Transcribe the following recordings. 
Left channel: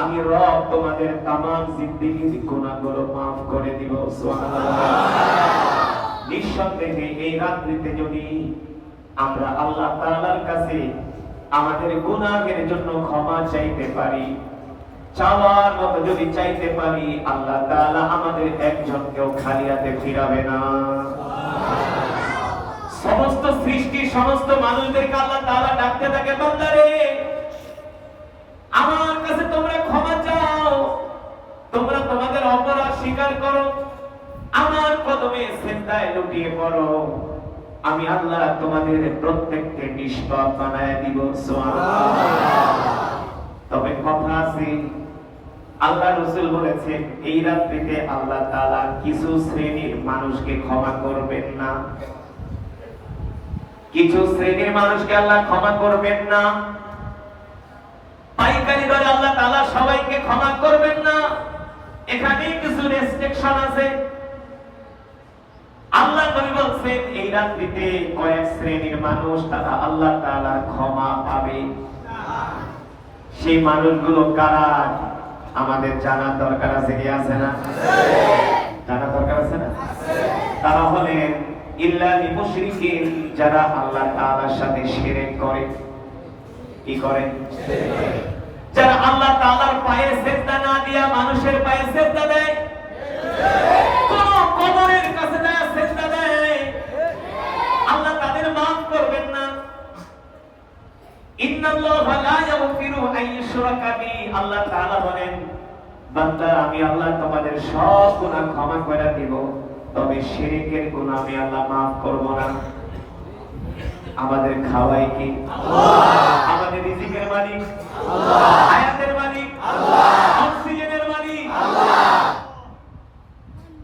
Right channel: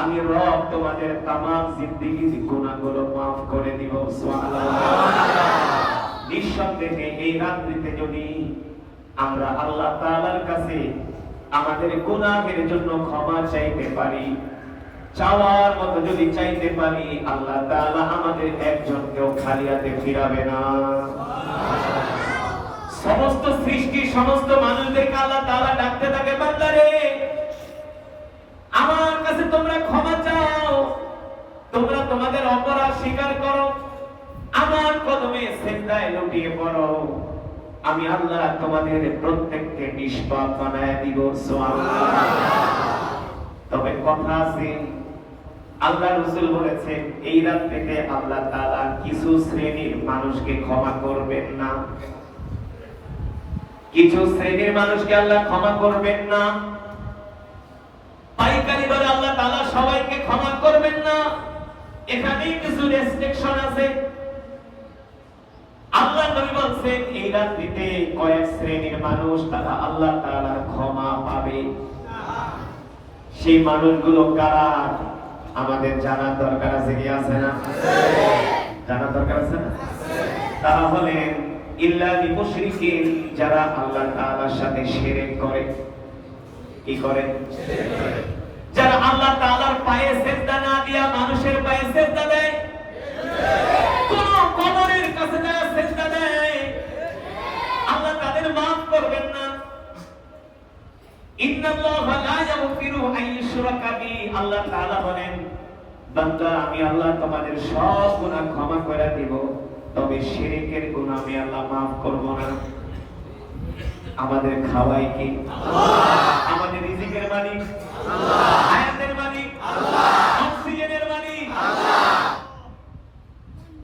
আমি রব তোমাদের तमाम জিন্দেগির গুনাহগুলো maaf করে দিব। সুবহানাল্লাহ। নিঃসন্দেহে এই রাত্রিতে যদি আমরা আল্লাহ তাআলার কাছে আমাদের গুনাহের জন্য ক্ষমা চাইতে পারি, চাওয়ার মতো যদি চাইতে পারি, আল্লাহ তাআলা আমাদের একজনকেও খালি হাতে ফিরাবে না। সমস্ত সৃষ্টি সমস্ত মানুষদেরকে আল্লাহ তাআলা ডাকতে থাকে, বান্দারে আমার কাছে তোমরা ক্ষমা চাও, তোমরা তোমাদের অপরাধ স্বীকার করো, আমার কদমে সিজদায় লুটিয়ে পড়ো, আমি আল্লাহ তোমাদের প্রত্যেককে নিষ্পাপ বানায় দিব। সুবহানাল্লাহ। তবে কথা আছে, আল্লাহ রাসূল বলেছেন এই রাত্রিতে আল্লাহ তাআলা কিছু শ্রেণীর মানুষকে ক্ষমা করবেন না, কিছু শ্রেণীর মানুষকে আল্লাহ ক্ষমা করবেন না। পাইকারি দরে আল্লাহ তাআলা সবাইকে ক্ষমা করবেন না, এখানে কিছু রেস্ট্রিকশন আছে। আল্লাহ নবী বলেন এই রাত্রিতে কয়েক শ্রেণীর মানুষ তারা আল্লাহ তাআলার ক্ষমা পাবে। সেই মানুষগুলো কারা আমাদের জানার দরকার আছে কি আছে না? জানার দরকার আছে না? তারা হলেন ইল্লাল মুশরিকিন, যারা আল্লাহ তাআলার সাথে শিরক করে। কি করে? যারা আল্লাহ তাআলার পায়ে সিজদা না দিয়া মানুষের পায়ে সিজদা দেয়, কোন কবরের কাছে যায় সিজদা দেয়, আল্লাহ তাদের maaf করবেন না। ইন্নাল্লাহা লা ইয়াগফিরু আন ইউশরাকা বিহি, আল্লাহ তাআলা বলেন বান্দা আমি আল্লাহ তোমাদের সব গুনাহ ক্ষমা করে দিব, তবে শিরকের গুনাহ আমি আল্লাহ maaf করব না। আমাদের খাওয়াই কি আল্লাহ, আমাদের রিজিকের মালিক আল্লাহ, হায়াতের মালিক আল্লাহ, অক্সিজেনের মালিক আল্লাহ,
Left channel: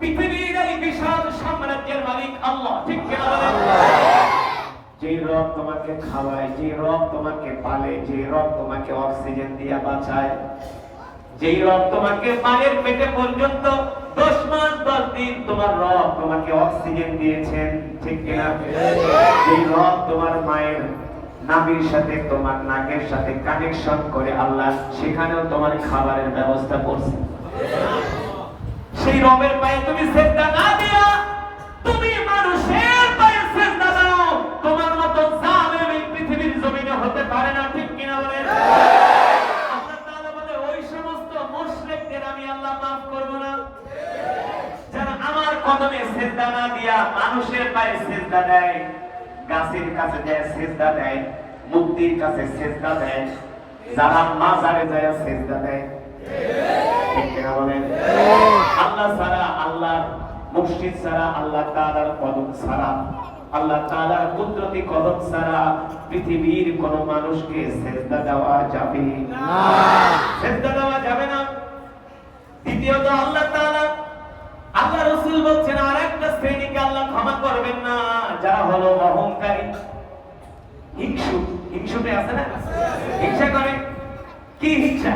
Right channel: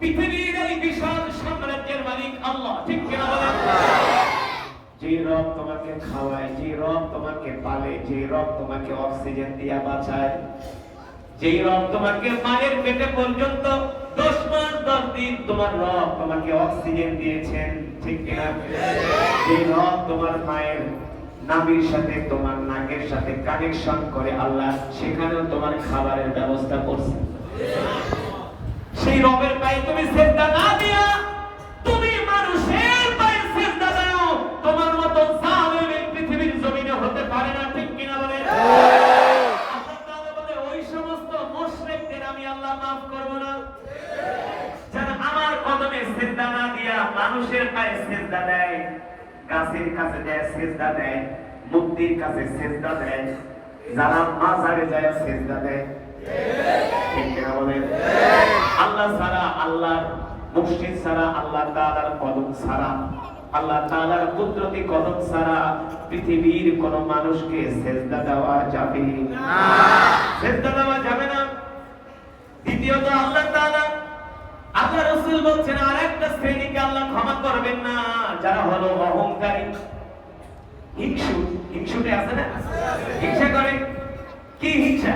পৃথিবীর এই বিশাল সাম্রাজ্যের মালিক আল্লাহ। ঠিক কিনা বলেন? যে রব তোমাকে খাওয়ায়, যে রব তোমাকে পালে, যে রব তোমাকে অক্সিজেন দিয়ে বাঁচায়, যে রব তোমাকে মায়ের পেটে পর্যন্ত 10 মাস 10 দিন তোমার রব তোমাকে অক্সিজেন দিয়েছেন, ঠিক কিনা? যে রব তোমার মায়ের নাভির সাথে তোমার নাকের সাথে কানেকশন করে আল্লাহ সেখানেও তোমার খাবারের ব্যবস্থা করছে, সেই রবের পায়ে তুমি সিজদা না দিয়া তুমি মানুষের পায়ে সিজদা দাও, তোমার মতো জালেম এই পৃথিবীর জমিনে হতে পারে না। ঠিক কিনা বলেন? আল্লাহ তাআলা বলে ওই সমস্ত মুশরিকদের আমি আল্লাহ maaf করব না, যারা আমার কদমে সিজদা না দিয়া মানুষের পায়ে সিজদা দেয়, গাছের কাছে যায় সিজদা দেয়, মূর্তির কাছে সিজদা দেয়, যারা মাজারে যায় সিজদা দেয়। ঠিক কিনা বলেন? আল্লাহ ছাড়া, আল্লাহর মুর্শিদ ছাড়া, আল্লাহ তাআলার কদম ছাড়া, আল্লাহ তাআলার কুদরতি কদম ছাড়া পৃথিবীর কোন মানুষকে সিজদা দেওয়া যাবে না, সিজদা দেওয়া যাবে না। দ্বিতীয়ত আল্লাহ তাআলা, আল্লাহ রাসূল বলছেন আরেকটা শ্রেণীকে আল্লাহ ক্ষমা করবেন না, যারা হলো অহংকারী, হিংসু। হিংসুটে আছে না? হিংসা করে। কি হিংসা?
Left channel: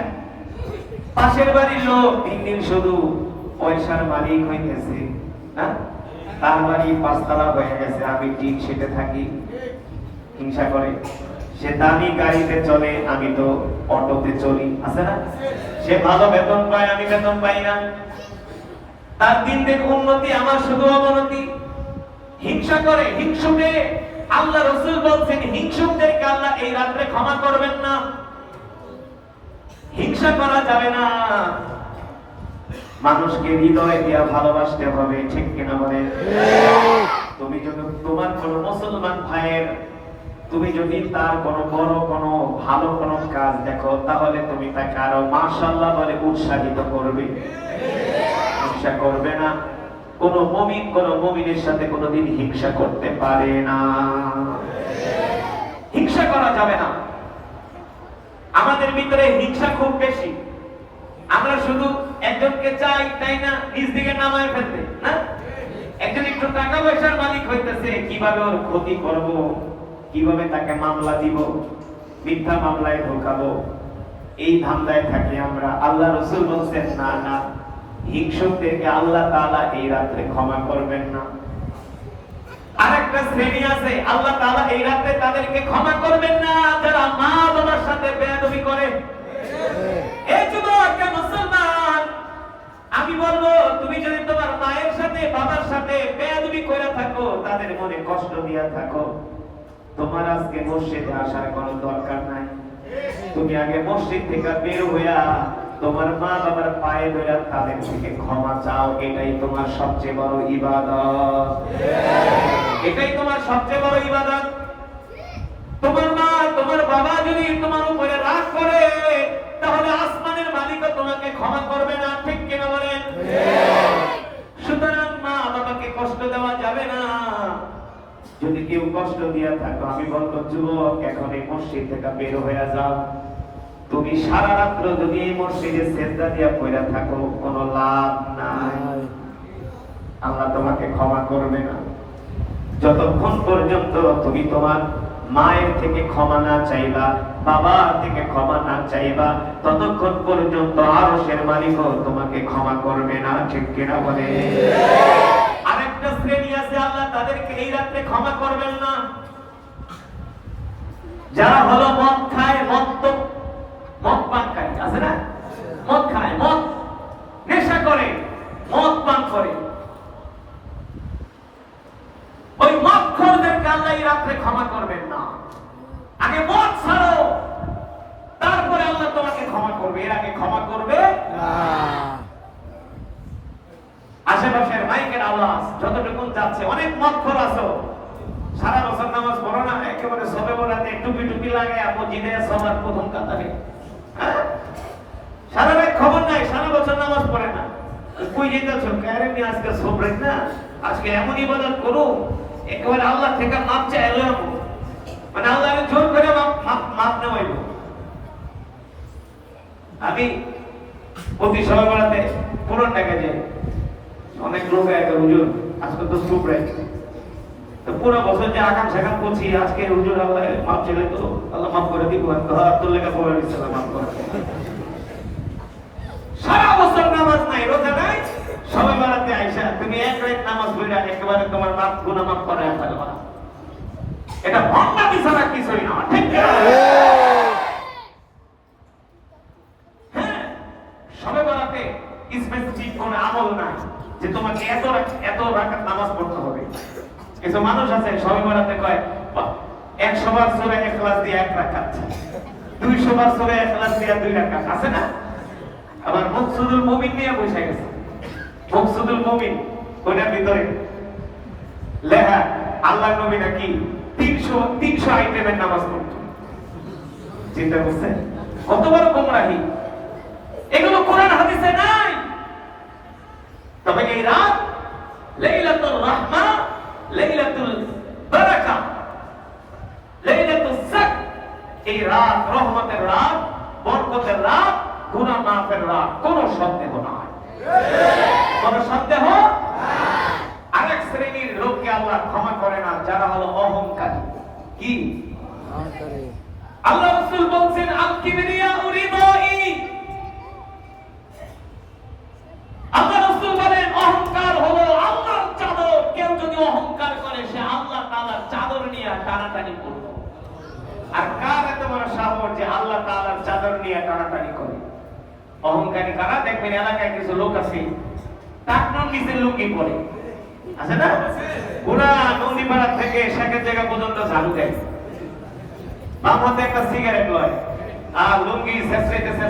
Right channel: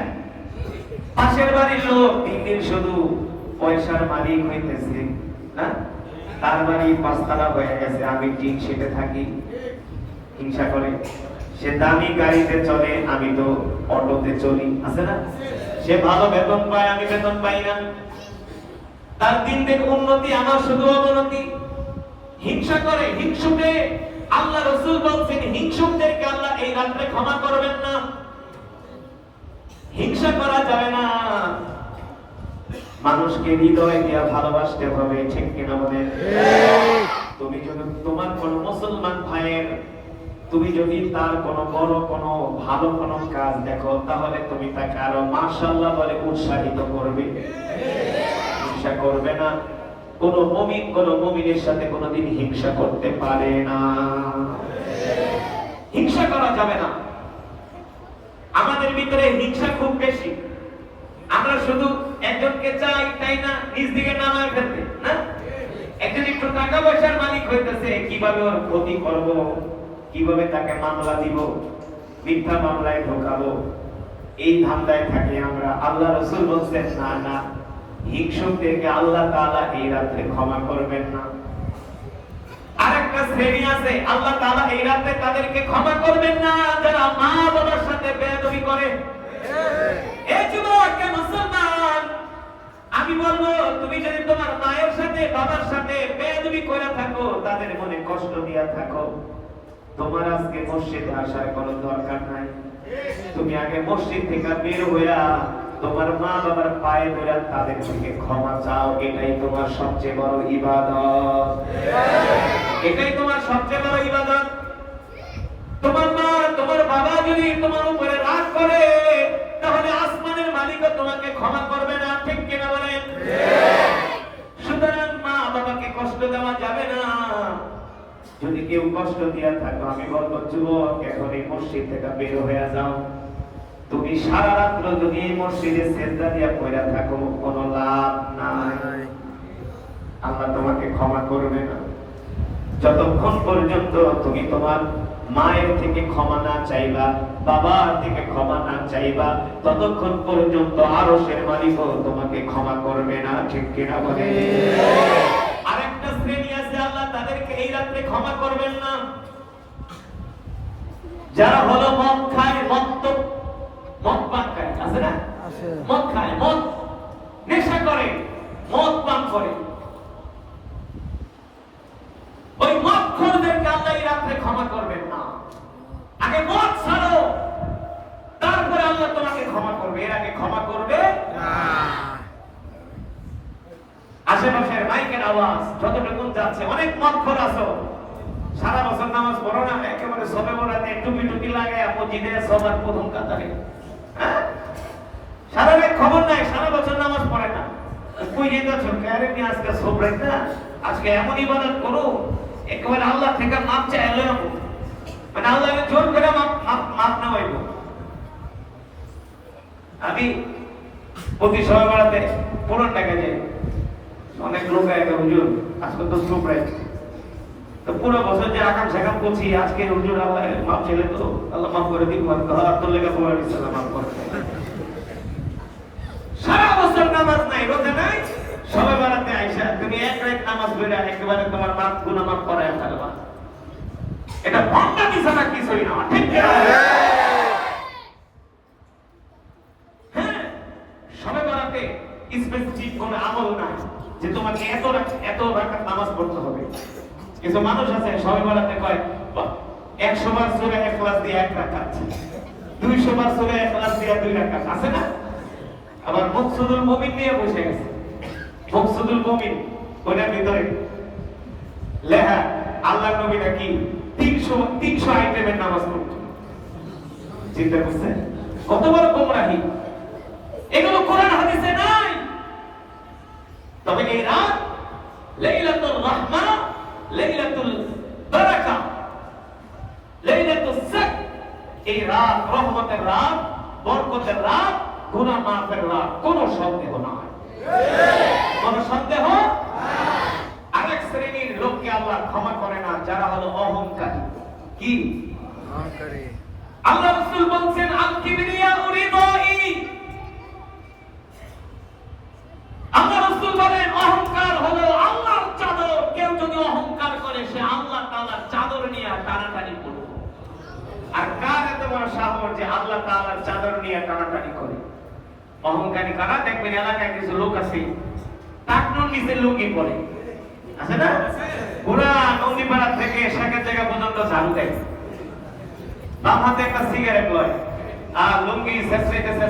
পাশের বাড়ির লোক দিন শুধু পয়সার মালিক হইতেছে, না তার বাড়ি 5 তলা হয়ে গেছে, আমি টিন শেডে থাকি, হিংসা করে। সে দামি গাড়িতে চলে, আমি তো অটোতে চলি, আছে না? সে ভালো বেতন পায়, আমি বেতন পাই না, তার দিন দিন উন্নতি, আমার শুধু অবনতি। হিংসা করে, হিংসুকে আল্লাহ রাসূল বলছেন হিংসুকদেরকে আল্লাহ এই রাতে ক্ষমা করবেন না। হিংসা করা যাবে না, মানুষকে হৃদয় দিয়ে ভালোবাসতে হবে। ঠিক কিনা বলেন? তুমি যদি তোমার কোন মুসলমান ভাইয়ের, তুমি যদি তার কোন বড় কোন ভালো কোন কাজ দেখো, তাহলে তুমি তাকে আরো মাশাআল্লাহ বলে উৎসাহিত করবে, হিংসা করবে না। কোন মুমিন কোন মুমিনের সাথে কোনদিন হিংসা করতে পারে না, হিংসা করা যাবে না। আমাদের ভিতরে হিংসা খুব বেশি, আমরা শুধু একজনকে চাই তাই না নিজ দিকে নামায় ফেলতে, না একজন একটু টাকা পয়সার মালিক হইতেছে, কিভাবে ওর ক্ষতি করব, কিভাবে তাকে মামলা দিব, মিথ্যা মামলায় ঢোকাবো, এই ধান্দায় থাকি আমরা। আল্লাহ রাসূল বলেন না না, হিংসুকদেরকে আল্লাহ তাআলা এই রাতে ক্ষমা করবেন না। আরেকটা শ্রেণী আছে আল্লাহ তাআলা এই রাতে তাদেরকে ক্ষমা করবেন না, যারা মা বাবার সাথে বেয়াদবি করে। এই যুবক মুসলমান, আমি বলবো তুমি যদি তোমার মায়ের সাথে বাবার সাথে বেয়াদবি করে থাকো, তাদের মনে কষ্ট দিয়া থাকো, তোমার আজকে মসজিদে আসার কোনো দরকার নাই। তুমি আগে মসজিদ থেকে বের হইয়া তোমার মা বাবার পায়ে ধরে তাদের থেকে ক্ষমা চাও। এটাই তোমার সবচেয়ে বড় ইবাদত। এটাই তোমার সবচেয়ে বড় ইবাদত। তোমার মা তোমার বাবা যদি তোমার উপরে রাগ করে, তাহলে আসমানের মালিকও তোমাকে ক্ষমা করবে না, ঠিক কিনা বলেন? সুতরাং মা বাবাকে কষ্ট দেওয়া যাবে না। যদি কেউ কষ্ট দিয়া থাকো, আমি বলবো যুবক এখন এই মসজিদ থেকে বের হয়ে যাও। তুমি সারা রাত্র যদি এই মসজিদে সেজদা দিয়া পড়ে থাকো, কোনো লাভ নাই। আল্লাহ তোমাকে ক্ষমা করবে না যতক্ষণ পর্যন্ত তুমি তোমার মায়ের থেকে ক্ষমা না চাইবা, বাবার থেকে ক্ষমা না চাইবা, ততক্ষণ পর্যন্ত আরশের মালিকও তোমাকে ক্ষমা করবে না, ঠিক কিনা বলে? আরেকটা শ্রেণী আছে, আল্লাহ তাদেরকে এই রাতে ক্ষমা করবেন না, যারা হলো মদ খায়, মদ পান খায়, আছে না? মদ খায়, মদ নেশা করে, মদ পান করে, ওই মদখোরদেরকে আল্লাহ এই রাতে ক্ষমা করবেন না। আগে মদ ছাড়ো, তারপরে আল্লাহ তোমাকে ক্ষমা করবে, এর আগে ক্ষমা করবে না। আশেপাশের মাইকের আওয়াজ যতটুকু যাচ্ছে, অনেক মদখোর আছো, সারা বছর নামাজ পড়ো না, একেবারে সবে বরাতে টুপি লাগে মসজিদে সবার প্রথম কাতারে, সারা রাত খবর নাই, সারা বছর নামাজ পড়ে না, কই যেতেছো? আরে আমি আজকে সবরে না, আজকে এমন ইবাদত করো একেবারে আল্লাহ থেকে মাপ চাই, মানে আল্লাহকে জোর করে মাপ নেওয়াইব। আমি প্রতি সময় বেড়াতে পুরন টাকা যাই, অনেক লোক একটা হুজুর আজকে তো সুপ্রাই, তো পুরো বছর যে আকাম সাকাম করছি, আজকে হুজুর আল্লাহ মাপ চাইলে তো আল্লাহ মাফ করে দিব, তোর লেখা পড়ে দিচ্ছে মাফ করে। সারা বছর নামাজ নাই, রোজা নাই, সবাই বেড়াতে আইসা তুমি এক রাত নামাজ পড়ে একেবারে তোমার মাপ গুনাহ মাফ করে ফেলবা, এটা ভণ্ডামি ছাড়া কিছুই না, ঠিক না? হ্যাঁ, সবে বেড়াতে স্পেসিফিক কোনো আমল নাই যে তোমাকে এত রাকাত নামাজ পড়তে হবে। কিছু মানুষ আছে সবে বেড়াতে কয় 100 বার সূরা ইখলাস দিয়ে 1 রাকাত, 200 বার সূরা ইখলাস দিয়ে 2 রাকাত, আছে না? আবার মকসুদুল মুমিন নিয়ে বসে গেছে, মকসুদুল মুমিন ওটার ভিতরে লেখা আল্লাহর নবী নাকি 300 আইটেমের নামাজ পড়তেন। চিন্তা করছেন কত বড় গোমরাহি? এগুলো কোরআন হাদিসে নাই। তবে এই রাত লাইলাতুল রাহমা, লাইলাতুল বারাকা, লাইলাতুল সাক, এই রাত রহমতের রাত, বরকতের রাত, গুনাহ মাফের রাত, কোনো সন্দেহ নাই, কোনো সন্দেহ। আরেক শ্রেণীর লোককে আল্লাহ ক্ষমা করে না, যারা হলো অহংকারী। কি অহংকারী? আল্লাহ রাসূল বলেন আল কিবরিয়া উরিদাই, আল্লাহ রাসূল বলেন অহংকার হলো আল্লাহর চাদর। কেউ যদি অহংকার করে, সে আল্লাহ তাআলার চাদর নিয়ে টানাটানি করবে। আর কার এত বড় সাহস যে আল্লাহ তাআলার চাদর নিয়ে টানাটানি করে? অহংকারী কারা? দেখবেন এলাকায় কিছু লোক আছে টাকনুর নিচে লুঙ্গি পরে, আছে না? পুরা নদীপাড়া থেকে শেখের জায়গা পর্যন্ত ঝাড়ু দেয়, বাম হাতে একটা সিগারেট লয়, আর লুঙ্গি ছেঁচড়াইতে